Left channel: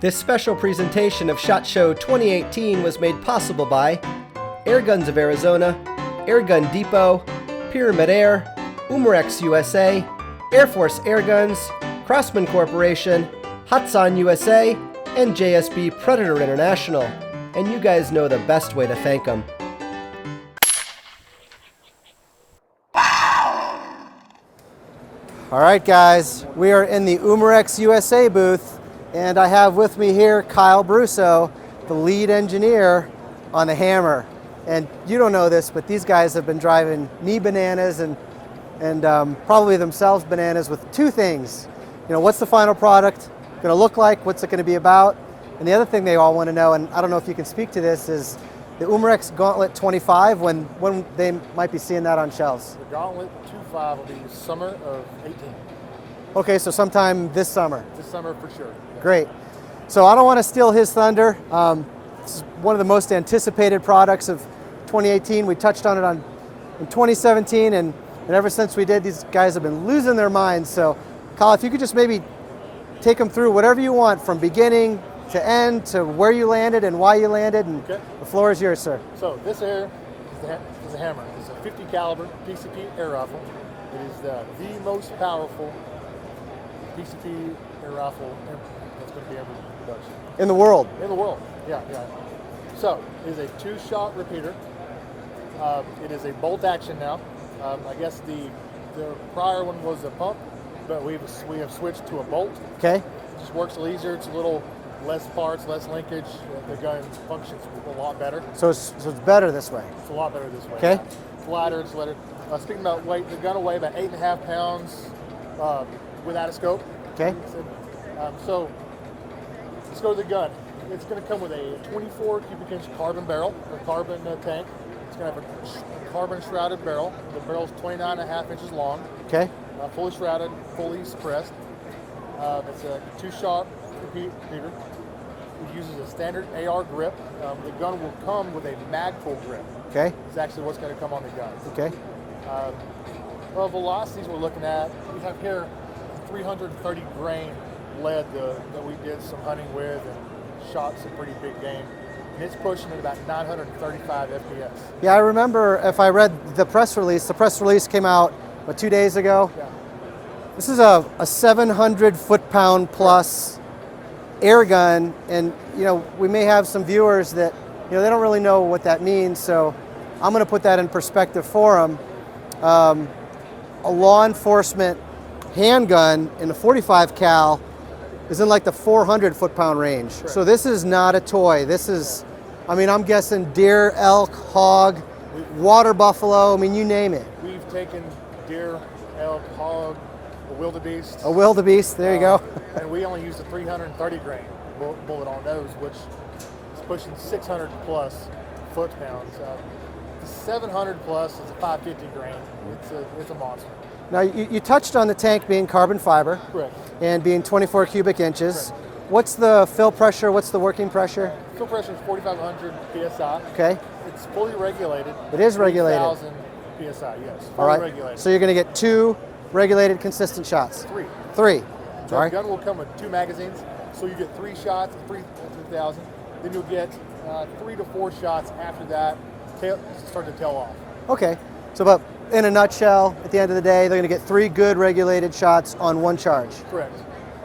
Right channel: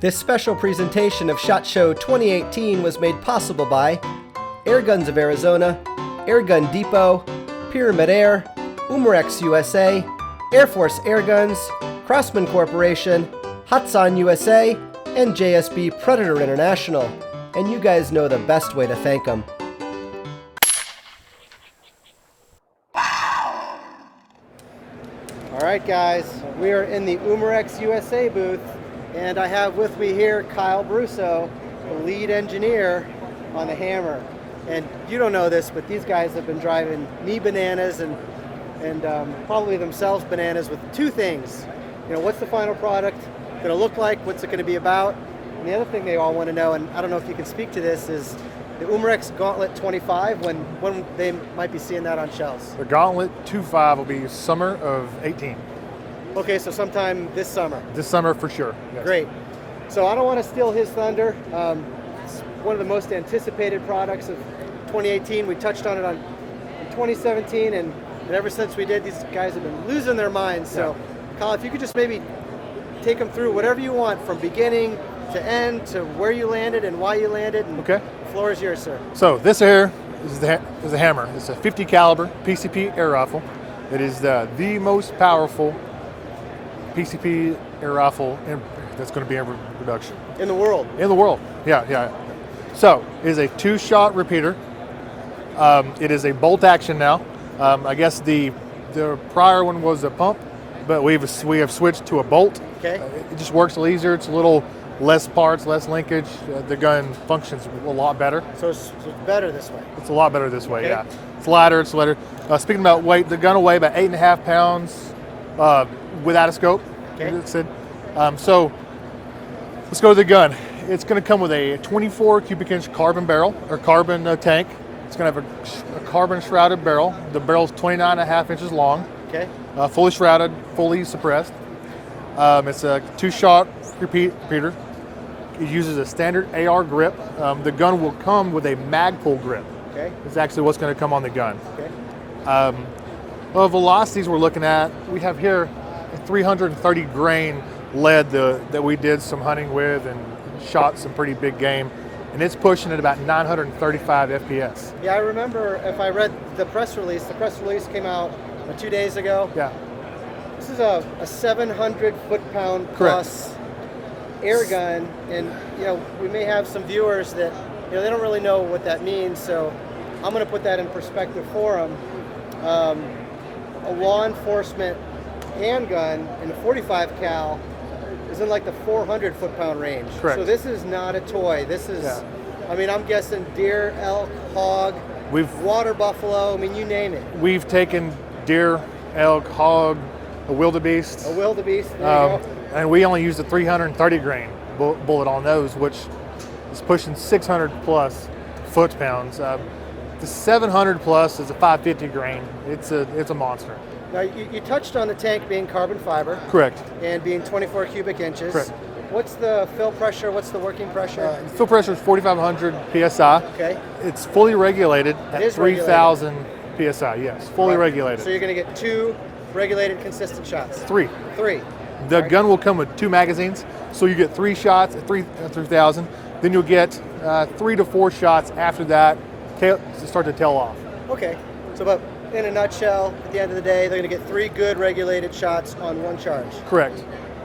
This special presentation of SHOT Show 2018 was made possible by Airguns of Arizona, Airgun Depot, Pyramid Air, Umarex USA, Air Force Airguns, Crossman Corporation, Hatsan USA, and JSB Predator International. And you guys know the best way to thank them. All right, guys, we are in the Umarex USA booth, and I have with me here Kyle Brusso, the lead engineer on the Hammer. And you don't know this, but these guys have been driving me bananas and probably themselves bananas with two things. You know, what's the final product going to look like? What's it going to be about? And the other thing they all want to know, and I don't know if you can speak to this, is the Umarex Gauntlet 25, when they might be seeing that on shelves. The Gauntlet 25 will be summer of 18. Okay, so sometime this summer. This summer for sure. Yes. Great. So I don't want to steal his thunder. It's one of the most anticipated products of 2018. We touched on it in 2017, and ever since we did, these guys have been losing their minds. So, Kyle, if you could just maybe take them through whatever you want from beginning to end to where you landed and why you landed. And okay. The floor is yours, sir. So this here is the Hammer. It's a 50 caliber PCP air rifle. It is the most powerful PCP air rifle that's going to be in production. In the world? In the world, yeah. So it is a 2-shot repeater. It is a bolt action now. I guess the prior one was a pump, but we have switched to a bolt. Okay. It just works a little easier. It's a little less parts, less linkage. The gun functions a lot better. So it's better this way? It's a lot better this way, okay. Yeah. It's lighter, it's lighter. Speaking about weight, the gun will weigh about 8.5 pounds without a scope. Okay. So let's go to the gun. It's going to come with a 24 cubic inch carbon barrel, or carbon tank. It's going to have a carbon shrouded barrel. The barrel's 29.5 inches long. Okay. Fully shrouded, fully suppressed. It's a 2-shot repeater. It uses a standard AR grip. The gun will come with a mag pull grip. Okay. It's actually what's going to come on the gun. Okay. Well, velocities we're looking at, we have here a 330 grain lead that we did some hunting with and shot some pretty big game. And it's pushing at about 935 FPS. Yeah, I remember if I read the press release came out 2 days ago. Yeah. This is a 700 foot-pound plus air gun, and you know, we may have some viewers that they don't really know what that means, so I'm going to put that in perspective for them. A law enforcement handgun in the 45 cal is in like the 400 foot-pound range. Correct. So this is not a toy. This is, I mean, I'm guessing deer, elk, hog, water buffalo, I mean, you name it. We've taken deer, elk, hog, a wildebeest. A wildebeest, there you go. And we only used a 330 grain bullet on those, which is pushing 600 plus foot-pounds. The 700 plus is a 550 grain. It's a monster. Now, you touched on the tank being carbon fiber. Correct. And being 24 cubic inches. Correct. What's the fill pressure? What's the working pressure? Fill pressure is 4,500 PSI. Okay. It's fully regulated at 3,000 PSI, yes. Fully regulated. So you're going to get 2 regulated consistent shots? 3. 3. The gun will come with 2 magazines, so you get 3 shots at 3,000. Then you'll get 3 to 4 shots after that to start to tail off. Okay. So, but in a nutshell, at the end of the day, they're going to get 3 good regulated shots on 1 charge. Correct.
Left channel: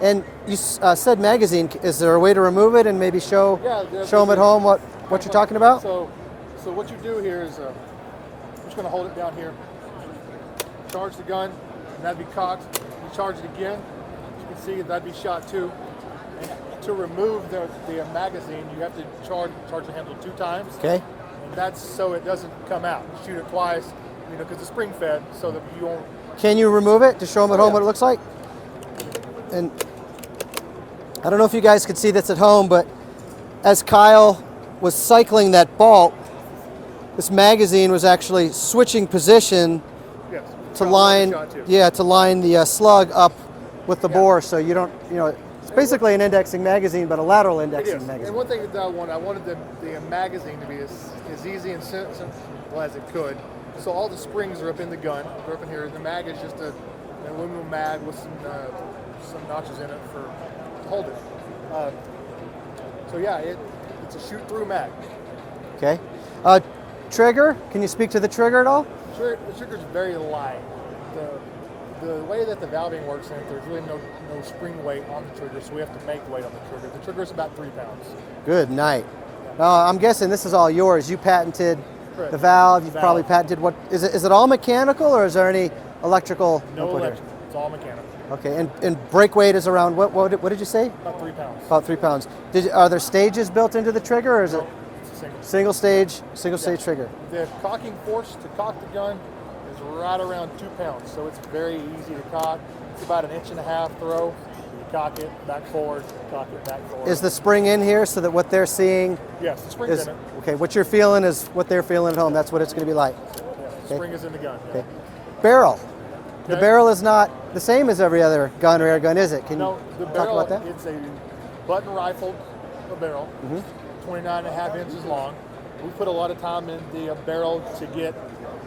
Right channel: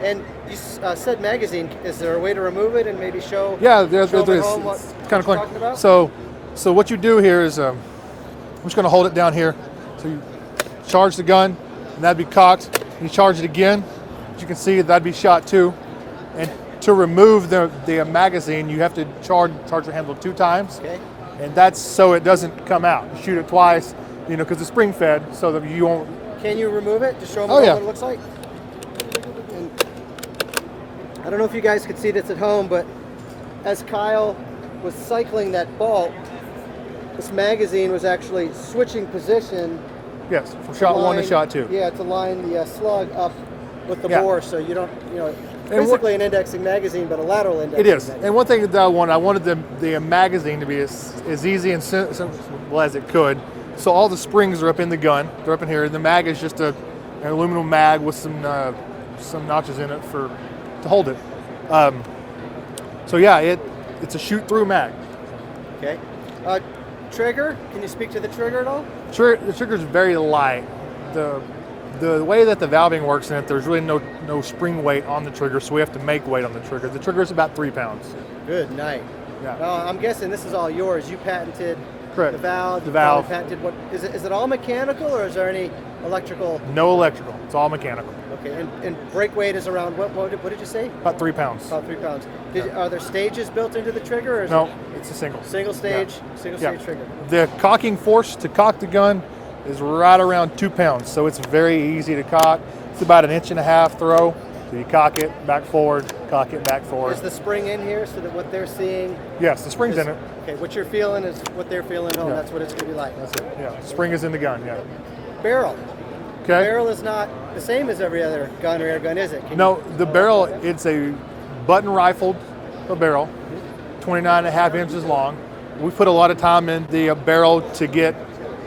And you said magazine. Is there a way to remove it and maybe show them at home what you're talking about? So what you do here is, I'm just going to hold it down here. So you charge the gun, and that'd be cocked. You charge it again. As you can see, that'd be shot 2. And to remove the magazine, you have to charge your handle 2 times. Okay. And that's so it doesn't come out. You shoot it twice, because it's spring fed, so that you won't. Can you remove it to show them at home what it looks like? And I don't know if you guys could see this at home, but as Kyle was cycling that bolt, this magazine was actually switching position. Yes, from to shot line, 1 to shot 2. Yeah, to line the slug up with the bore, so you don't, it's basically an indexing magazine, but a lateral indexing magazine. And one thing that I wanted the magazine to be as easy and simple as it could. So all the springs are up in the gun. They're up in here. And the mag is just an aluminum mag with some notches in it to hold it. So yeah, it's a shoot-through mag. Okay. Trigger, can you speak to the trigger at all? The trigger's very light. The way that the valving works in it, there's really no spring weight on the trigger, so we have to make weight on the trigger. The trigger's about 3 pounds. Good night. Yeah. I'm guessing this is all yours. You patented Correct. the valve. The Probably valve. patented what is it all mechanical or is there any electrical? No electrical. It's all mechanical. Okay. And brake weight is around what did you say? About 3 pounds. About 3 pounds. Are there stages built into the trigger or is No, it it's a single. single stage trigger? The cocking force to cock the gun is right around 2 pounds, so it's very easy to cock. It's about 1.5 inch throw. So you cock it, back forward, cock it, back forward. Is the spring in here so that what they're seeing? Yes, the spring's in it. Okay, what you're feeling is what they're feeling at home. Yeah. That's what it's going to be like. Yeah, the spring is in the gun. Yeah. Barrel. Okay. The barrel is not the same as every other gun or air gun, is it? Can No, you the talk barrel, about that? it's a button rifled barrel, Mm-hmm. 29.5 inches long. We put a lot of time in the barrel to get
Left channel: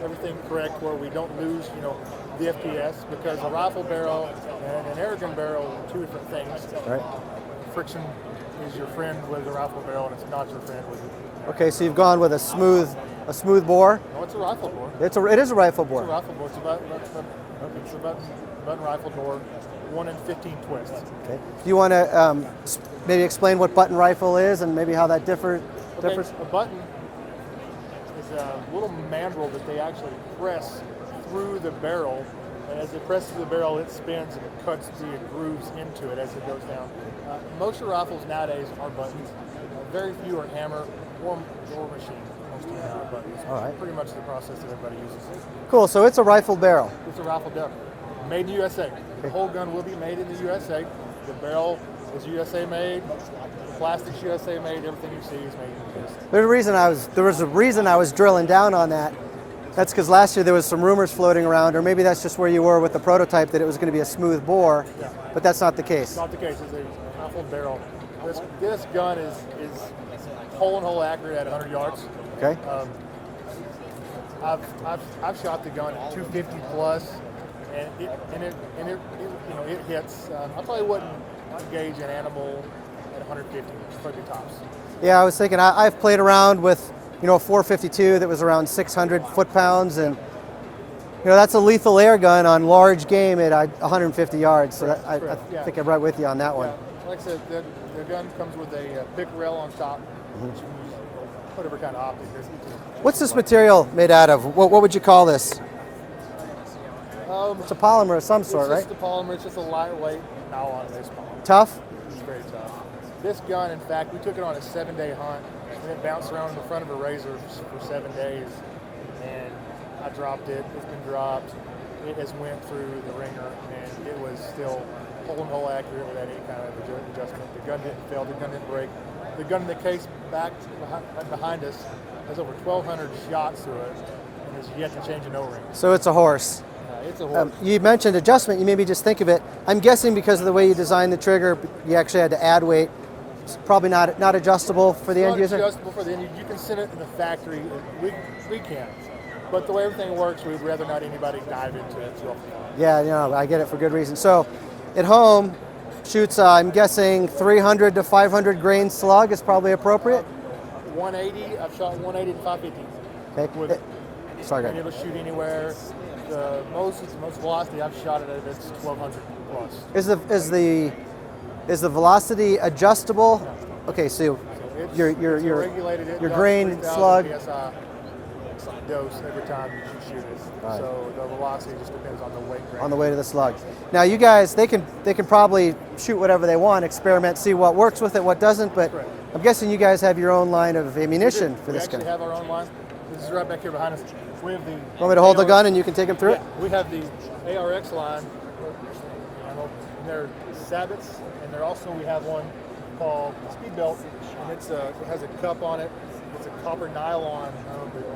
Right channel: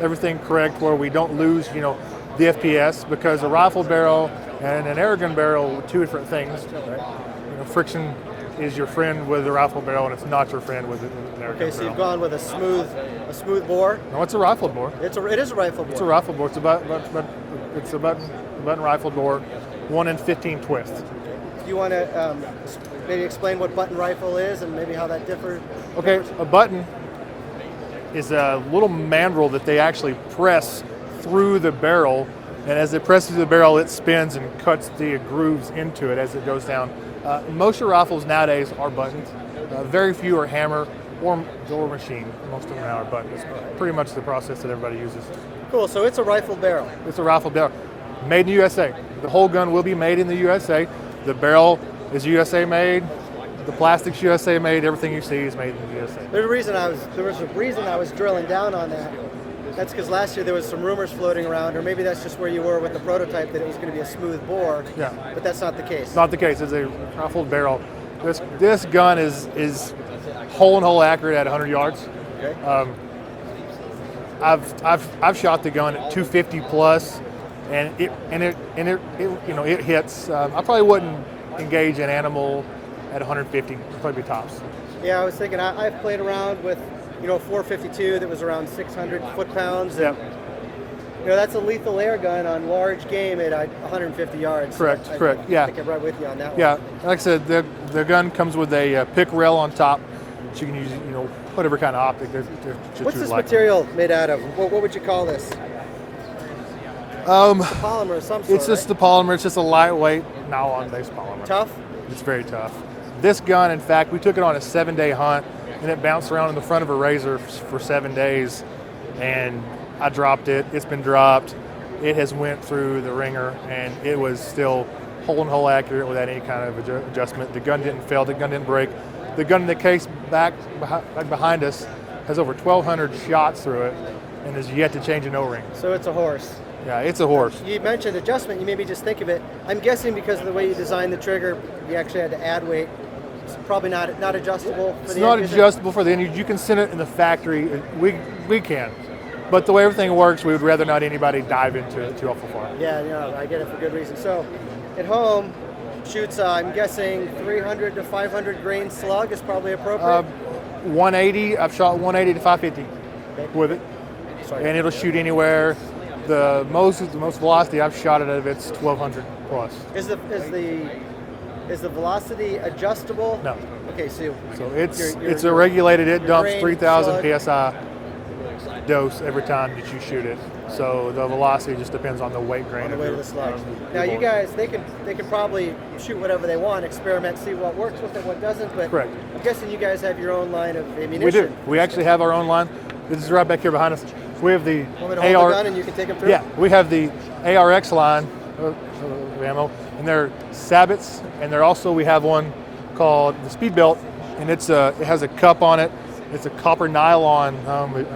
everything correct where we don't lose, the FPS, because a rifle barrel and an airgun barrel are two different things. Right. Friction is your friend with a rifle barrel, and it's not your friend with an airgun Okay, so barrel. you've gone with a smooth bore. No, it's a rifle bore. It is a rifle bore. It's a rifle bore. It's a button rifle bore, 1 in 15 twist. You want to maybe explain what button rifle is and maybe how that differs? Okay, a button is a little mandrel that they actually press through the barrel, and as it presses through the barrel, it spins and cuts the grooves into it as it goes down. Most of your rifles nowadays are buttons. Very few are hammer or machine. Most of them now are buttons. All right. Pretty much the process that everybody uses. Cool. So it's a rifle barrel. It's a rifle barrel, made in the USA. The whole gun will be made in the USA. The barrel is USA made. The plastic's USA made. Everything you see is made in the USA. There was a reason I was drilling down on that. That's because last year there was some rumors floating around, or maybe that's just where you were with the prototype, that it was going to be a smooth bore. Yeah. But that's not the case. It's not the case. It's a rifled barrel. This gun is hole and hole accurate at 100 yards. Okay. I've shot the gun at 250 plus, and it hits. I probably wouldn't engage an animal at 150. Probably be tops. Yeah, I was thinking I've played around with 452 that was around 600 foot-pounds. And, that's a lethal air gun on large game at 150 yards. Correct, So correct, I yeah. think I'm right with you on that one. Yeah, like I said, the gun comes with a pick rail on top, so you can use whatever kind of optic. What's this material made out of? What would you call this? It's a polymer of some sort, It's just right? the polymer. It's just a lightweight nylon-based polymer. Tough? It's very tough. This gun, in fact, we took it on a 7-day hunt, and it bounced around in the front of a razor for 7 days, and I dropped it. It's been dropped. It has went through the ringer, and it was still hole and hole accurate without any kind of adjustment. The gun didn't fail. The gun didn't break. The gun in the case back behind us has over 1,200 shots through it, and has yet to change an O-ring. So it's a horse. Yeah, it's a horse. You mentioned adjustment. You maybe just think of it. I'm guessing because of the way you designed the trigger, you actually had to add weight. It's probably not adjustable for It's the not end user? adjustable for the end user. You can send it in the factory. We can. But the way everything works, we would rather not anybody dive into it too awful far. Yeah, I get it for good reason. So at home, shoots, I'm guessing 300 to 500 grain slug is probably appropriate? 180, I've shot 180 to 550 Okay. with it. Sorry. And it'll shoot anywhere. The most velocity I've shot it at, it's 1,200 plus. Is the velocity adjustable? No. Okay, so It's your a regulated, it your dumps grain 3,000 PSI dose every time that you shoot it. Right. So the velocity just depends on the weight grain. on the way to the slug. Now you guys, they can probably shoot whatever they want, experiment, see what works with it, what doesn't. But Correct. I'm guessing you guys have your own line of We ammunition. do. for We this actually gun. have our own line. This is right back here behind us. We have the Want me to hold the AR gun and you can take them through? Yeah, we have the ARX line of ammo, and they're sabots, and we have one called the Speedbelt, and it has a cup on it. It's a copper nylon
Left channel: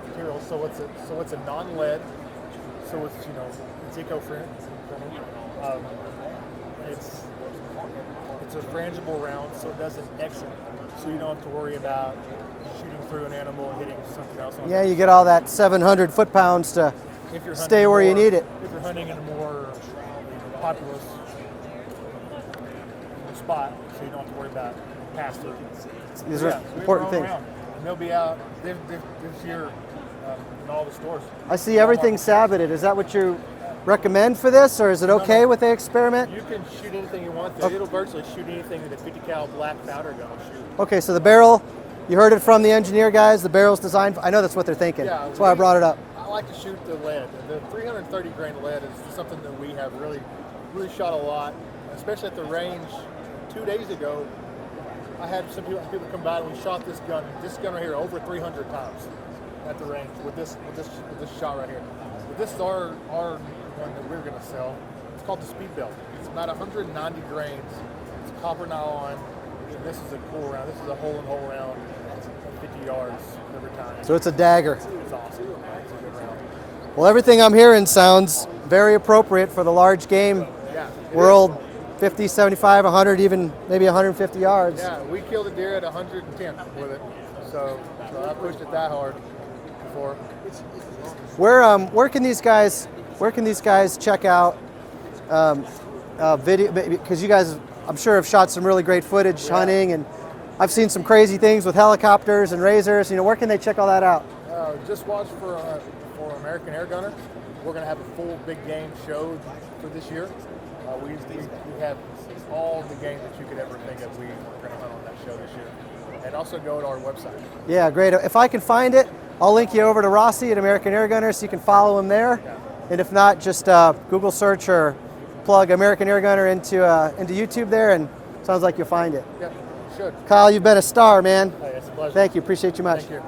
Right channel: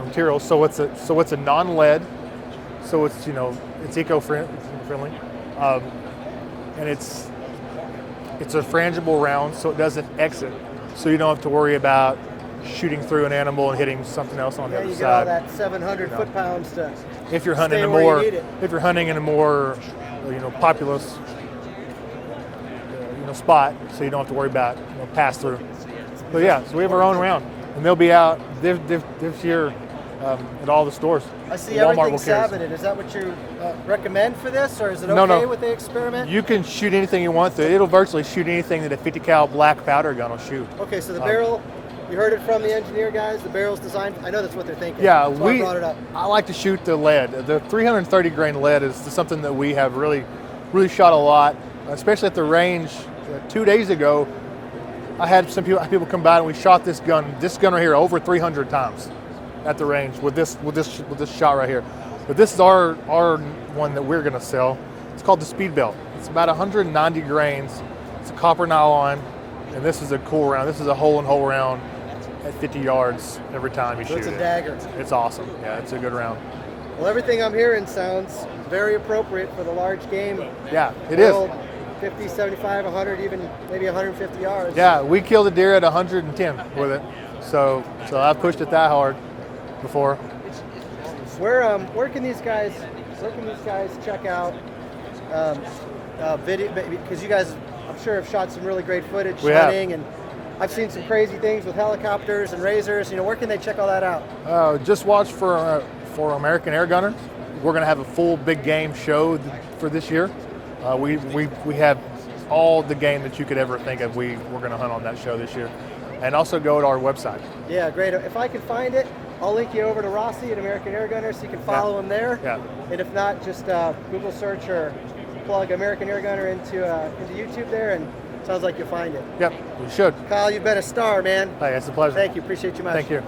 material, so it's a non-lead, so it's eco-friendly, and it's a frangible round, so it doesn't exit, so you don't have to worry about shooting through an animal and hitting something else on the Yeah, other you get side. all that 700 foot-pounds to If you're hunting stay where you need it. If you're hunting in a more, populous, spot, so you don't have to worry about pass through. So yeah, so we have our own round, and they'll be out this year at all the stores. I see Walmart everything will carry us. sabbated. Is that what you recommend for this, or is it No, okay no. with the experiment? You can shoot anything you want. It'll virtually shoot anything that a 50 cal black powder gun will shoot. Okay, so the barrel, you heard it from the engineer guys. The barrel's designed. I know that's what they're thinking. Yeah, that's why I brought it up. I like to shoot the lead. The 330 grain lead is something that we have really shot a lot, especially at the range. 2 days ago, I had some people come by and we shot this gun right here over 300 times at the range with this shot right here. But this is our one that we're going to sell. It's called the Speed Belt. It's about 190 grains. It's a copper nylon, and this is a cool round. This is a hole-in-hole round at 50 yards every time you shoot. So it's a dagger. It's awesome. Yeah, it's a good round. Well, everything I'm hearing sounds very appropriate for the large game Yeah, it world. is. 50, 75, 100, even maybe 150 yards. Yeah, we killed a deer at 110 with it. So I've pushed it that hard before. Where can these guys check out video? Because you guys, I'm sure, have shot some really great footage We have. hunting, and I've seen some crazy things with helicopters and razors. Where can they check all that out? Just watch for American Airgunner. We're going to have a full big game show for this year. We have all the game that you could ever think of. We're going to hunt on that show this year, and also go to our website. Yeah, great. If I can find it, I'll link you over to Rossi at American Airgunner so you can follow him there. Yeah. And if not, just Google search or plug American Airgunner into YouTube there, and sounds like you'll find it. Yep, you should. Kyle, you've been a star, man. Hey, it's a pleasure. Thank you. Appreciate you much. Thank you.